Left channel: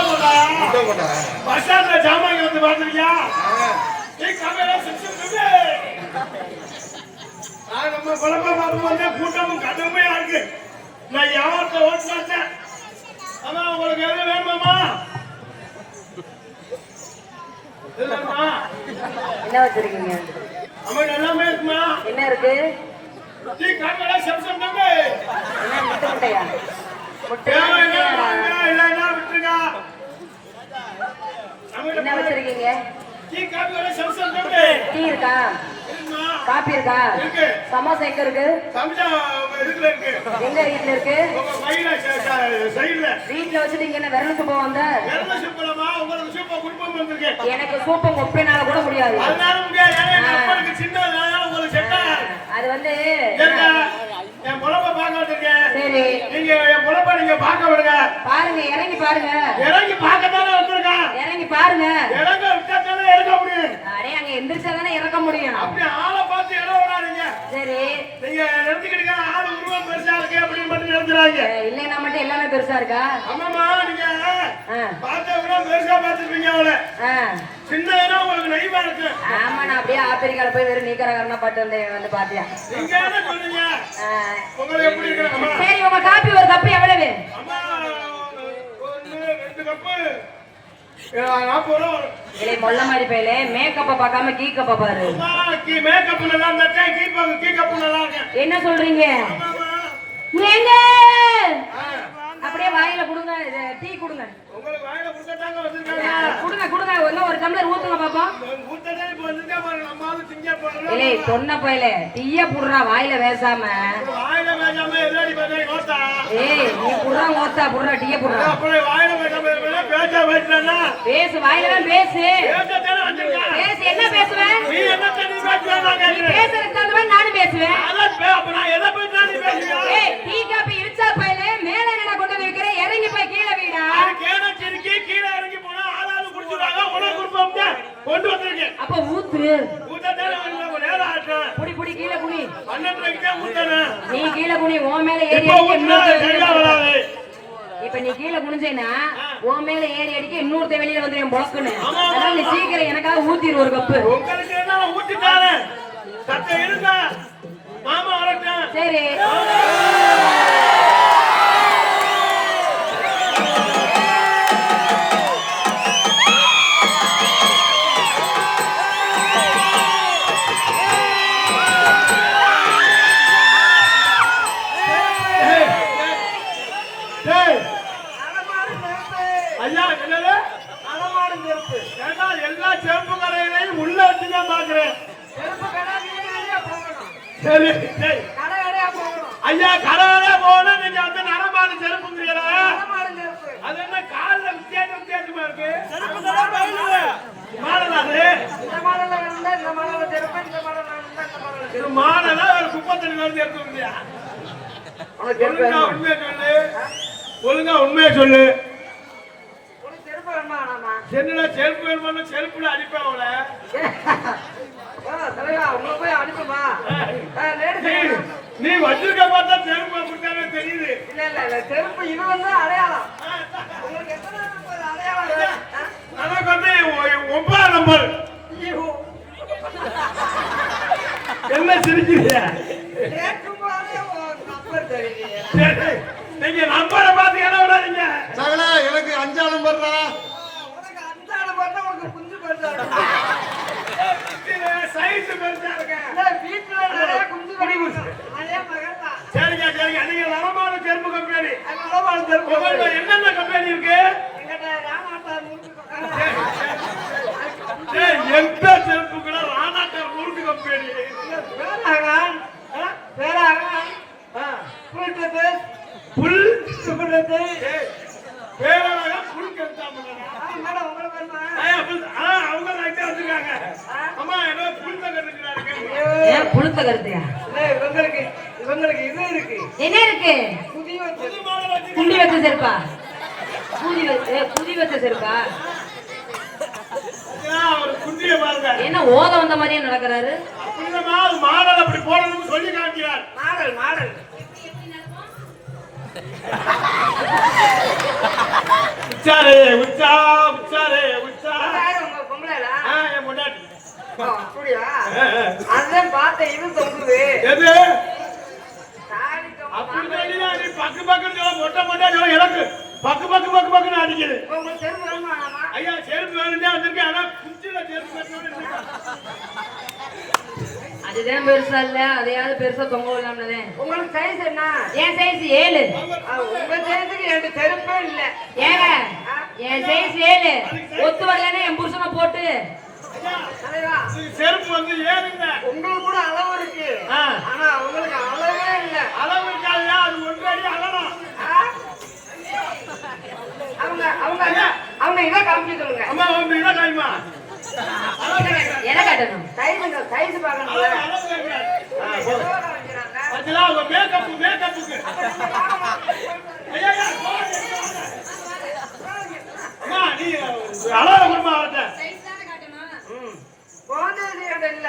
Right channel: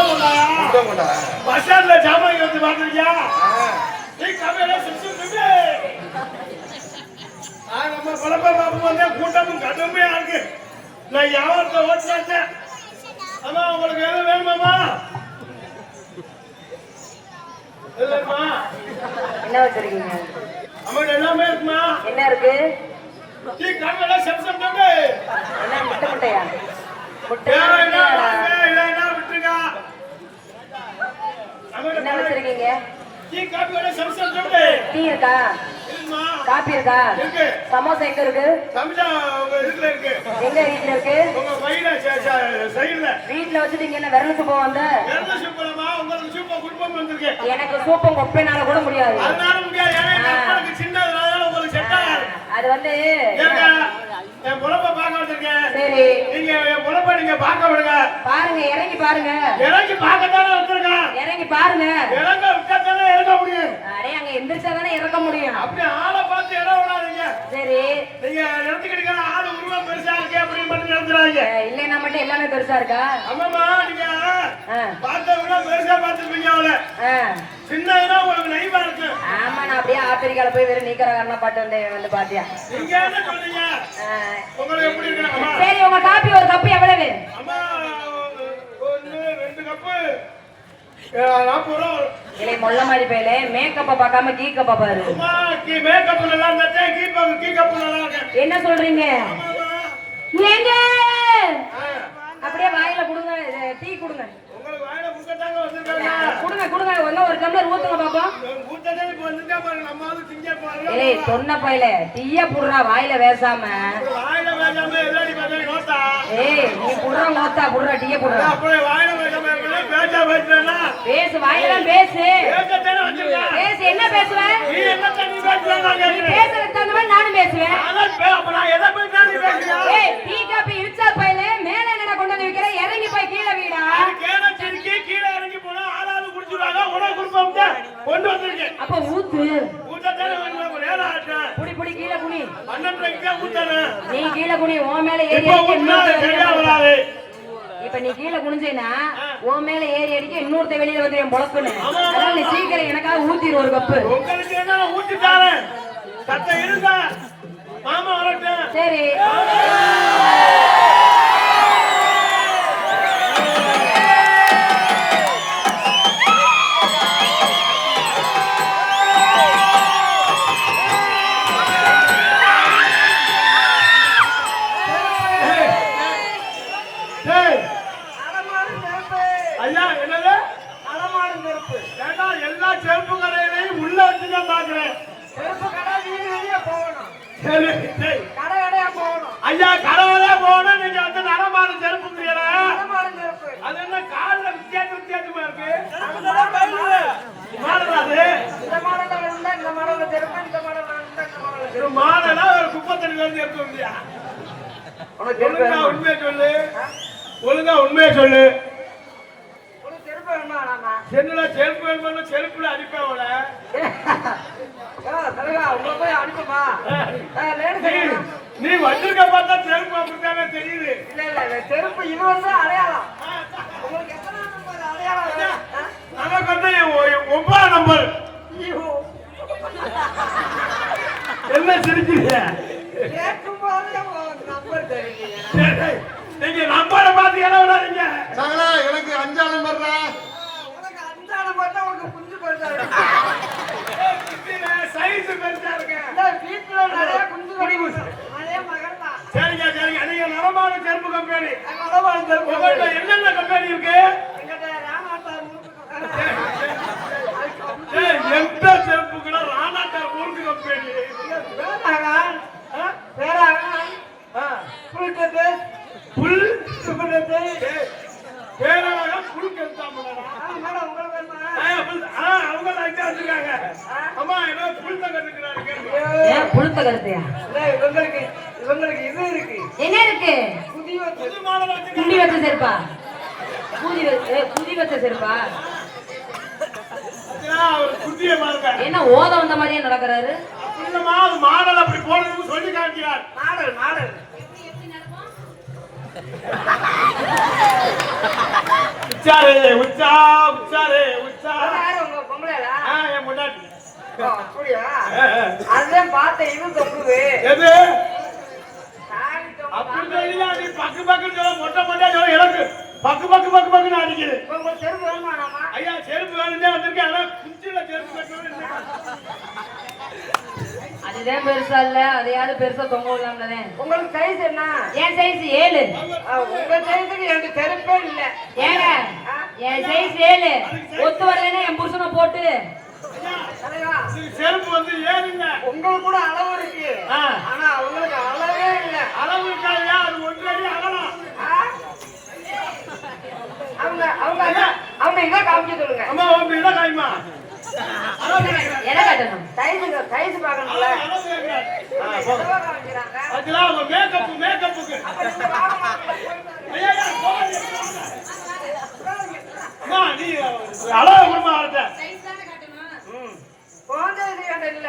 Bus ஸ்டாண்ட்ல ஜாமான் வந்து பாத்துருக்கியா நம்ம குழப்ப வந்தேன் கூட்டமும் கடுமையா இருக்கு. நான் யாவரத்தை ஓட்டு வச்சேன் அம்மா உங்களுக்கு எதுவும் வேணுமாம்மா? எது வேணுமா என்ன வச்சிருக்கீங்க அம்மா எல்லாமே இருக்குமா? என்ன இருக்கு? பிட்டு என்ன முட்டை முட்டையா? முட்டை டீ, காபி சம்சம் சொல்லு. டீ இருக்கா? காபி இருக்கா இருக்கு. சமோசா எங்க இருக்கு சம்சா இதுல இருக்கு. எங்க வீட்டுல இருக்கு உங்க பையில ச- ச- சைடுல. வீட்டுல வச்சுட்டீங்க என்ன விரலுக்கு போவாங்க வெள்ளை சூப்பரமா, உங்களுக்கு சூப்பர் குடும்பம் வந்திருக்கு. எனக்கு சூப்பம் கொப்பைனால கூட முடியாது அதனால முடியாது. ஏன்னா எங்க உங்களுக்கு set ஆகாது. அது வந்து என் பொழப்பை வந்திருக்கேன். சரி நீங்க என் பொழப்பை நீங்க பார்க்க விடுங்க. பாருங்க இறங்கி பாருங்க இறங்கி பார்க்கத்தானே வந்திருக்கேன். இறங்கி பாருங்க இறங்க விட்டாத்தானே இறங்க முடியும். அடே அங்க எந்திரிச்சாதானே இறக்க முடியும் அப்படி ஆளை பார்த்து இடம் விடாதீங்க. சரி நீங்க நிறுத்திக்கிட்டீங்க ஆள் உருவம் பெருசா இருக்கு அப்படின்னு மட்டும் நிறுத்துறாங்க அஹ் இல்லைன்னா மட்டும் எல்லாமே பெருசா இருக்கா? ஆமாமா நீங்க. பார்த்தவங்க பெருசா பார்த்துருப்பீங்க அவளை. ஆ. சின்னதுனா உங்களுக்கு நைவா இருக்கு. ஆமா நான் அப்படியே ஆப்பிரிக்கால போய் வெறும் நீக்கரகாரனா பாட்டு வந்து வந்து பாத்தியா நீங்க என்ன சொல்றீங்க. உங்களுக்கு எப்படி இருக்கு? சரி உங்க காப்பி ஒரு கப்பு எவ்வளவு? அம்மா ரெண்டு கப்பு. மாதிரி பையலே. மேக்கப்ப பார்க்காம கீ கப்ப பாரு கீ மேக்கப் நல்லா இருந்தா கீ கீ நல்லா இருக்கு. என்ன சொல்றீங்க? ஏங்க ஆ, அப்படியே வாயில கொடுங்க இது டீ கொடுங்க உங்களுக்கு வாயில புத்தட்டாங்க வந்திருக்காங்க. கொடுங்க கொடுங்க. ஒன்னும் ஒரு டம்ளர் ஊத்துங்க பாப்போம் புத்தட்டே இப்ப வந்துட்டா பாருங்க. நம்ம ஆளு திங்க இல்லை போறோம் பொண்ண பையல டீய புடுறா வாயில வேசாம. வாயில ஏய் நீ புடுறா புடுறா டீய புடுறா. வாயில பேசுறேன்னா? பேசு வாயில தான் பேசு என்ன பேசுவேன் நீ என்ன தண்ணி நான் மாதிரி நானும் பேசுவேன் அதான் பே- அப்ப நான் எதை பேசினா நீ பேசுறியா? ஏய் டீ காப்பி இடிச்சா பையல மேல நிற கொண்டு வந்து வைக்கிற இறங்கி போய் கீழே வீடா அது கேன சிரிக்கி கீழே இறங்கி போனா ஆளாளு குடிச்சுடுவாங்க, உடனே குடும்பம் தான் கொண்டு வந்திருக்கேன். அப்ப ஊத்து ஊத்தத்தானே வந்து ஒரு நேரம் ஆச்சு. புடி புடி கீழே குனி பன்னெண்டரைக்கு தான் ஊத்தணும். நீ கீழே குனி உன் மேல ஏறி இப்போ நீ கீழே குனிஞ்சேனா உன் மேல ஏறி அடிக்க இன்னொருத்த வெளியில வந்து என் பொழக்கணும் அதனால நீ சீக்கிரம் எனக்காக ஊத்திரு ஒரு கப்பு. சரி. ஐயா, என்னது? ஏண்டா, எல்லா செருப்பு கடையிலையும் உள்ள வச்சுதான் பாக்குறேன் சரி, டேய். ஐயா கடவுளே போகணும் நீங்க வந்து நடமாடு செருப்பு அது என்ன கால்ல வித்தியாச வித்தியாசமா இருக்கு? மாடலா ஒரு குப்பத்தண்ணி வந்து எடுத்து வந்தியா ஒழுங்கா உண்மையை சொல்லு. ஒழுங்கா உண்மையை சொல்லு. சென்னுல செருப்பு வேணுமா செருப்புல அடிப்பேன் அவளை. நீ- நீ வச்சிருக்க பார்த்தா செருப்பு அப்படித்தானே தெரியுது. செருப்பு இது வந்து அடையாளம் ஆ, உங்களுக்கு எத்தனை நம்பர் அடையாளம் எனக்கு வந்து ஒன்பதாம் நம்பர் என்ன சிரிக்கிறீங்க நம்பர் நீங்க. நம்பரை பாத்தீங்கன்னா விடாதீங்க எனக்கு அஞ்சாம் நம்பர் தான் அஞ்சாறு பண்ண உனக்கு குஞ்சு பண்ண சைஸ் பெருசா இருக்கேன் வீட்டுல நிறைய குஞ்சு கிடைக்கும் அதே மகன் தான் சரிங்க சரிங்க. நீங்க நலமான செருப்பு கம்பெனி. வடமாடு செருப்பு உங்கள்ட்ட என்னென்ன கம்பெனி இருக்கு? எந்த செருப்புக்குள்ள ராணாட்டார் ஊருக்கு கம்பெனி? பேராகான்? பேராகான் புல் புல்? கெடுத்தாம மேடம் உங்களுக்கு என்ன அவங்க தான் இங்க வச்சிருக்காங்க அம்மா ஏதோ புல் தான் கட்டுக்கிறாங்க இல்ல, இவங்களுக்கு இவங்களுக்கு இது இருக்கு. என்ன இருக்கு? புது வச்ச செருப்பா குதி வச்ச குதி வச்ச செருப்பா? என்ன ஓத வந்த மாதிரியே நடக்கிறாரு? மாடல் அப்படி போடணும்னு சொல்லி காமிக்கிறார். Model model. உச்சாரே உச்சா உச்சாரே உச்சா. உங்க என் ஓ, அப்படியா? அதான் பார்த்தேன், இது. எது பக்கு பக்கு சொல்ல மொட்டை மொட்டை சொல்ல எனக்கு பக்கு பக்கு பக்கு பக்குன்னு அடிக்குது? ஐயா செருப்பு வேணும்னே வந்திருக்கேன் ஆனா குச்சில செருப்பு கட்டணும் அதுதான் பெருசா இல்ல அதையாவது பெருசா தொங்க விடலாம்ல உங்களுக்கு size என்ன? என் சைஸ் ஏழு உங்க size க்கு எனக்கு செருப்பே இல்ல. ஏங்க என் சைஸ் ஏழு ஒத்து வரலன்னா என் புருஷனை போட்டு செருப்பு வந்து ஏறுங்க உங்களுக்கு கூட அளவு இருக்கு. ஆனா உங்களுக்கு அளவே இல்ல. அளவு இருக்காதையா அது ஒன்றடி ஆ? அவங்க அவங்க அவங்க இதை காமிக்க சொல்லுங்க. அம்மா உங்க இதை. எதை கட்டணும்? சைஸுங்க சைஸ் பார்க்கணும்ல அவங்க மேக்கப் மேக்கப்புக்கு ஐயா ஐயா, போகாதே, போகாதே. அம்மா நீ அளவு கொடுமா அவர்கிட்ட குழந்தை கேட்ட இல்ல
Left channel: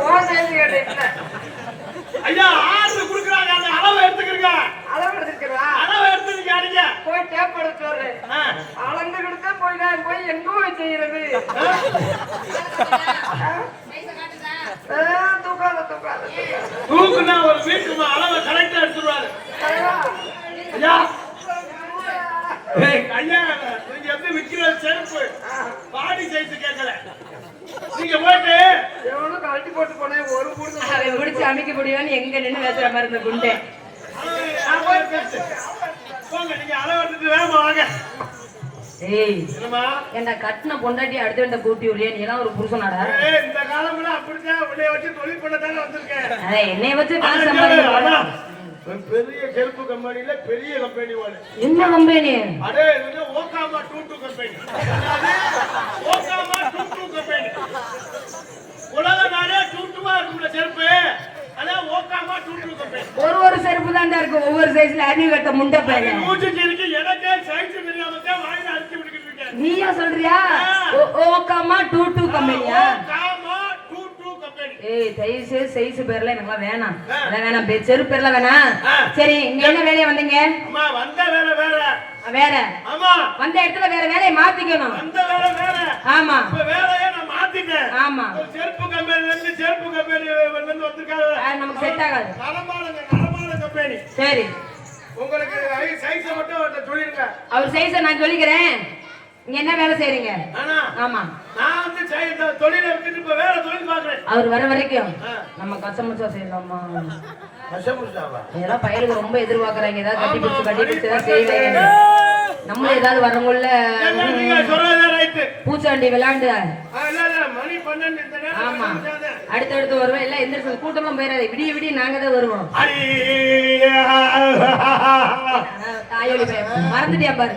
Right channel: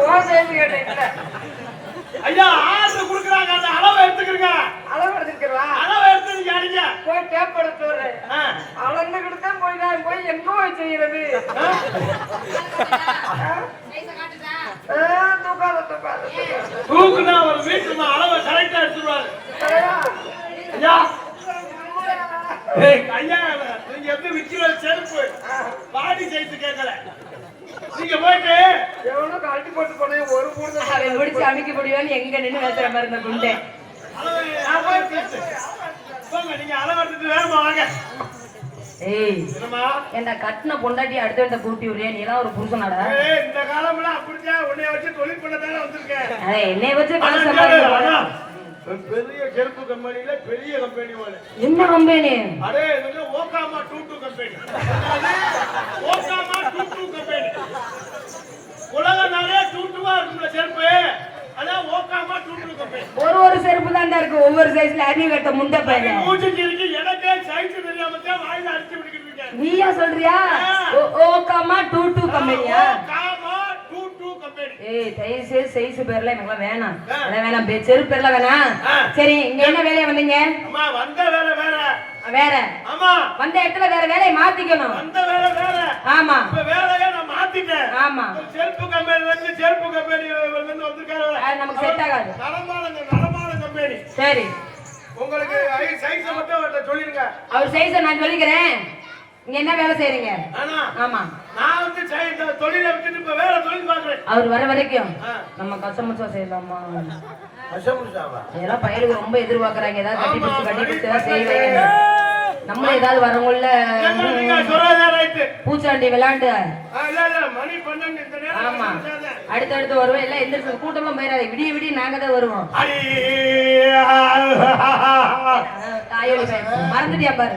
குழந்தை கேட்ட இல்ல ஐயா ஆர்டர் கொடுக்குறாங்க. அந்த அளவை எடுத்துக்கிறீங்க அளவு எடுத்துக்கலாம் அளவை எடுத்துக்கிறீங்க அடிங்க. போய் டேப் எடுத்து வர்றேன். அளந்துக்கிட்டு போய் நான் போய் எங்க போய் செய்யறது தூக்குனா ஒரு வீட்டுமா அளவை கரெக்டா எடுத்துருவாரு. ஐயா. ஐயா நீங்க எப்படி விக்கிற செருப்பு. பாடி சைஸ் கேட்கல. நீங்க போயிட்டு காட்டி போட்டு போனேன் ஒரு குடுங்க அதை முடிச்சு அமைக்க முடியும்னு எங்க நின்னு பேசுற மாதிரி இருந்த குண்டை. ஏய் ஏன்டா கட்டின பொண்டாட்டி அடுத்த வேண்ட கூட்டி விடுறியா? நீ எல்லாம் ஒரு புருஷனாடா ஏய், இந்த காலம்லாம் அப்படித்தான். உன்னைய வச்சு தொழில் பண்ண தானே வந்திருக்கேன் என்னை வச்சு காசு பெரிய செருப்பு கம்பெனில பெரிய கம்பெனி என்ன கம்பெனி? அடே இது ஓகாமா டூ டூ கம்பெனி. ஓகாமா டூ டூ கம்பெனி. உலக நாடே இருக்கும்ல செருப்பு? அதான் ஒரு ஒரு செருப்பு தான்டா இருக்கு. ஒவ்வொரு சைஸ்ல அடி கட்ட முண்டை பையன் மூச்சு இருக்கு. எனக்கே சைஸ் தெரியாம தான் வாயில அடிச்சு விட்டுக்கிட்டு இருக்கேன். நீயா சொல்றியா? ஓக்காமா டூ டூ கம்பெனியா ஏய் தயவு சைஸ் பேர்ல எனக்கு வேணாம். வேணாம். செருப்பு பேர்ல வேணாம். சரி இங்க என்ன வேலையா வந்தீங்க? வந்த வேலை வேற. வேற. ஆமா. வந்த இடத்துல வேற வேலையை மாத்திக்கணும். வந்த வேலை வேற. ஆமா. நான் மாத்திட்டேன் ஆமா. செருப்பு கம்பெனில இருந்து செருப்பு கம்பெனி வந்து வந்திருக்காரு. நமக்கு செட் ஆகாது. நலமானங்க நலமான கம்பெனி. சரி. உங்களுக்கு சைஸ மட்டும் அவர்கிட்ட சொல்லிருங்க. அவர் சைஸ நான் சொல்லிக்கிறேன். இங்க என்ன வேலை செய்றீங்க? ஆமா. நான் வந்து தொழிலை விட்டுட்டு இப்ப வேற தொழில் பாக்குறேன் அவர் வர வரைக்கும். நம்ம கச்சமுச்சா செய்யலாமா? விஷமுஷாவா இதெல்லாம் பயலுக்கு ரொம்ப எதிர்பார்க்கறாங்க. ஏதாவது கட்டி பிடிச்சு கட்டி பிடிச்சு செய்வேன். நம்ம ஏதாவது வரவங்கள பூச்சாண்டி விளையாண்டு. அடுத்தடுத்து வருவோம். எல்லாம் எந்திரிச்சு கூட்டமும் போயிடாது. விடிய விடிய நாங்க தான் வருவோம். தாயோடி. மறந்துட்டியா பாரு.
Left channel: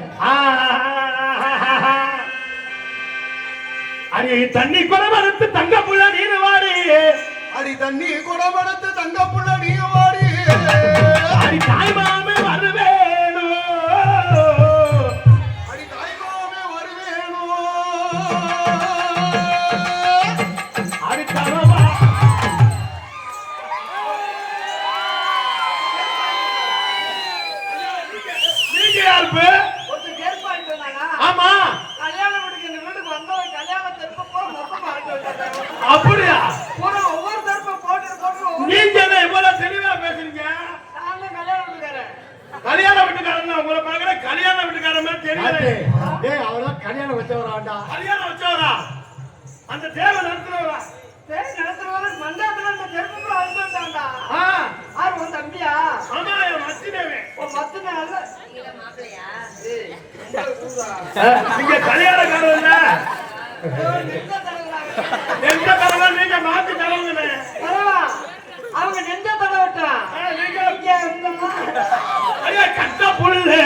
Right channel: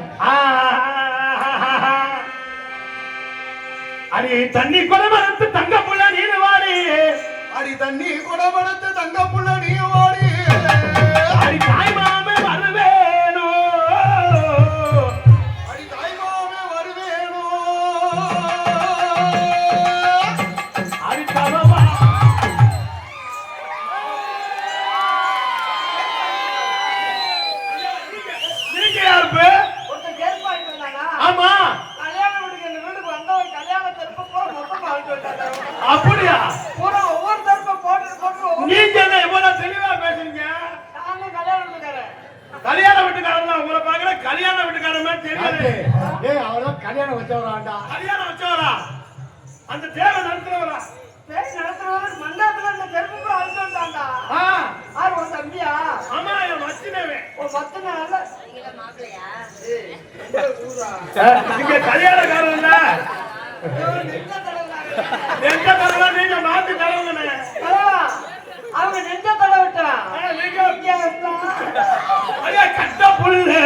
அடி தண்ணி குடமரத்து தங்க புள்ள நீர் வாடி. அடி தண்ணி குடமடத்து தங்க புள்ள அடி வீட்டுக்காரன் உங்களை பார்க்கல கல்யாண வீட்டுக்காரன் மாதிரி தெரியல. டேய் அவன கல்யாணம் வச்சவராண்டா? கல்யாணம் வச்சவரா? அந்த தேவை நடத்துறவரா? பேர் நடத்துறவரு ஆ, உன் தம்பியா? ஆமா உன் பத்து நாள்ல. நீங்க கல்யாணக்காரன் இல்ல. எந்த நீங்க மாத்தி தரணுமே தலைவா, அவங்க நெஞ்ச தடவிட்டா நீங்க ஐயா இருந்தா ஐயா, கட்ட புள்ள குட்ட புள்ள.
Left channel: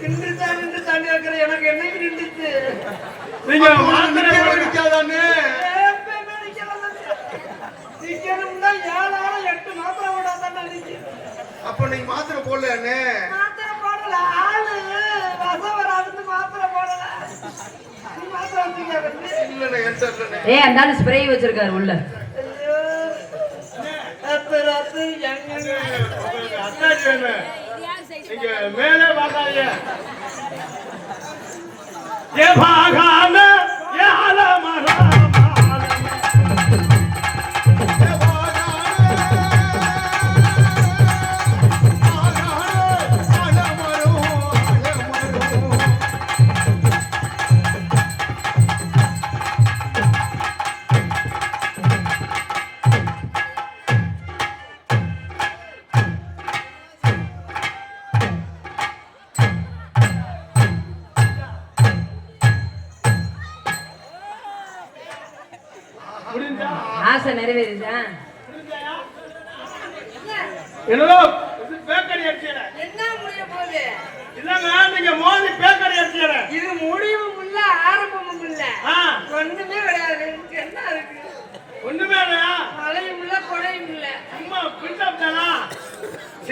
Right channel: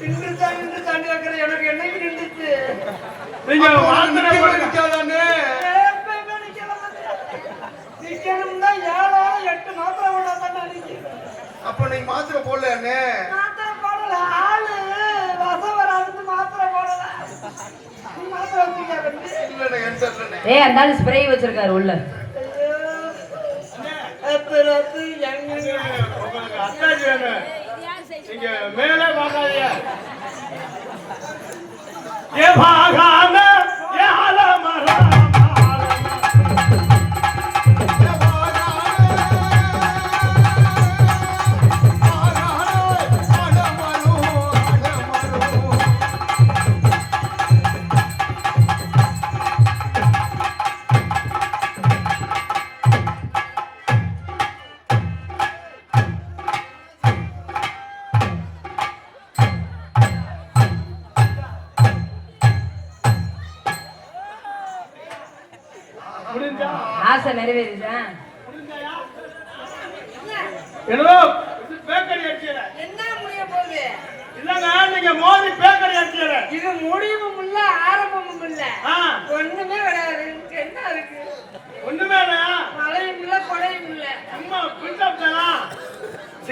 நின்று தான் நின்று தாண்டி வைக்கிற எனக்கு என்னைக்கு நின்றுச்சு. நீங்க. நிக்காதானே நிக்கணும்னா எட்டு மாத்திரை போடாதான் அப்ப நீ மாத்திரை போடலையானே மாத்திரை போடல. ஆளு வசம் வராது மாத்திரை போடல. அந்த ஆளு ஸ்ப்ரே வச்சிருக்காரு உள்ள. ஐயோ. மேலே பார்க்காதீங்க ஏ பாகாம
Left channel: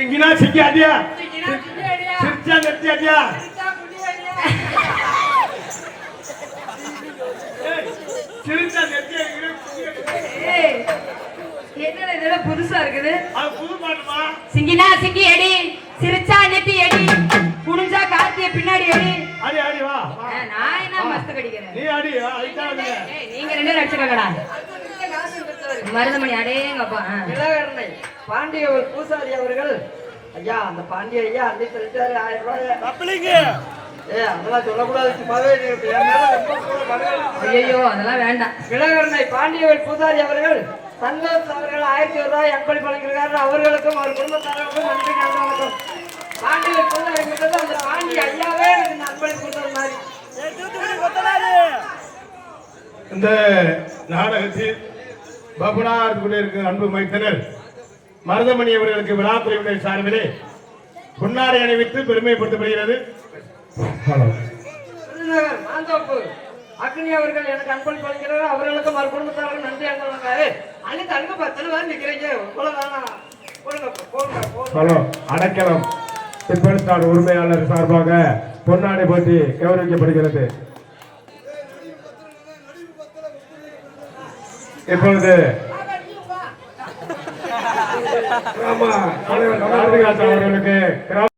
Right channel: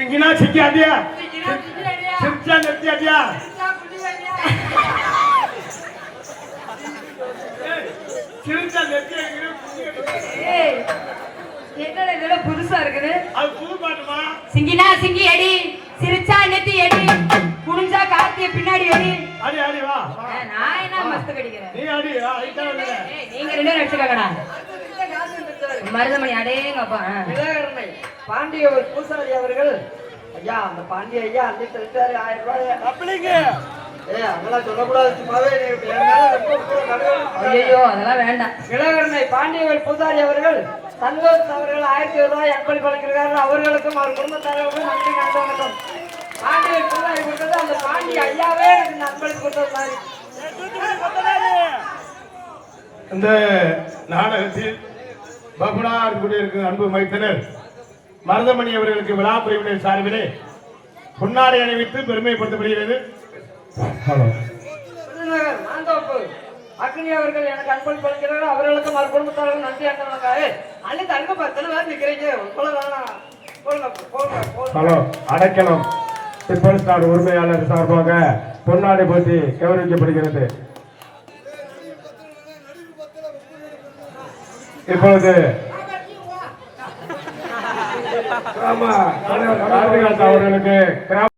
சிங்கினா சிக்கி அடியா. சிரிச்சா நிறுத்தி அடியா சிரிச்சா. ஏய் என்னடா இதெல்லாம் புதுசா இருக்குது? அது புது பாட்டுமா? சிங்கினா சிங்கி அடி சிரிச்சா நெத்தி அடி குனிஞ்சா காத்திய பின்னாடி அடி அடி அடி வா. நான் என்ன மஸ்து கடிக்கிறேன்? நீ அடி நீங்க ரெண்டு பேரும் அடிச்சுக்கங்கடா அடுத்த வீட்டுல காசு பெற்றவர். மருதமணி அடேங்கப்பா ஆ. இளகரணை பாண்டிய ஒரு பூசாரி அவர்கள் ஐயா அந்த பாண்டிய ஐயா அன்னை சொல்லிட்டாரு ஆயிரம் ரூபாய். ஏ அதெல்லாம் வேண்டாம். இளகரணை பாண்டியவர் பூசாரி அவர்கள் சந்தோஷ் அவர்கள் ஆயிரத்தி ரூபாய் எப்படி கொடுக்கிறார்கள் அவர்களுக்கும் அவர் குடும்பத்தார்களுக்கும் நன்றி நன்றி பாண்டியவர் பூசாரி கொடுத்தது அந்த பாண்டிய ஐயாவே எனக்கு கொடுத்தது மாதிரி. இந்த நாடகத்தில் பபுனார் குடியிருக்கும் அன்பு மைத்தனர் மருதமணி அவர்களுக்கு விழா குழுவினர் சார்பிலே பொன்னாடை அணிவித்து பெருமைப்படுத்தப்படுகிறது. அக்னி அவர்கள் எனக்கு அன்பளி பளிக்கிறார்கள் அவர்களுக்கும் அவர் குடும்பத்தார்கள் நன்றி அண்ணனுக்காக அன்னைக்கு அங்க பத்து பேர் போடுங்க ஹலோ அடைக்கலம். நாடு உரிமையாளர் சார்பாக பொன்னாடை போட்டி கௌரவிக்கப்படுகிறது. இப்பொழுது ஆமா அவர்களுக்கு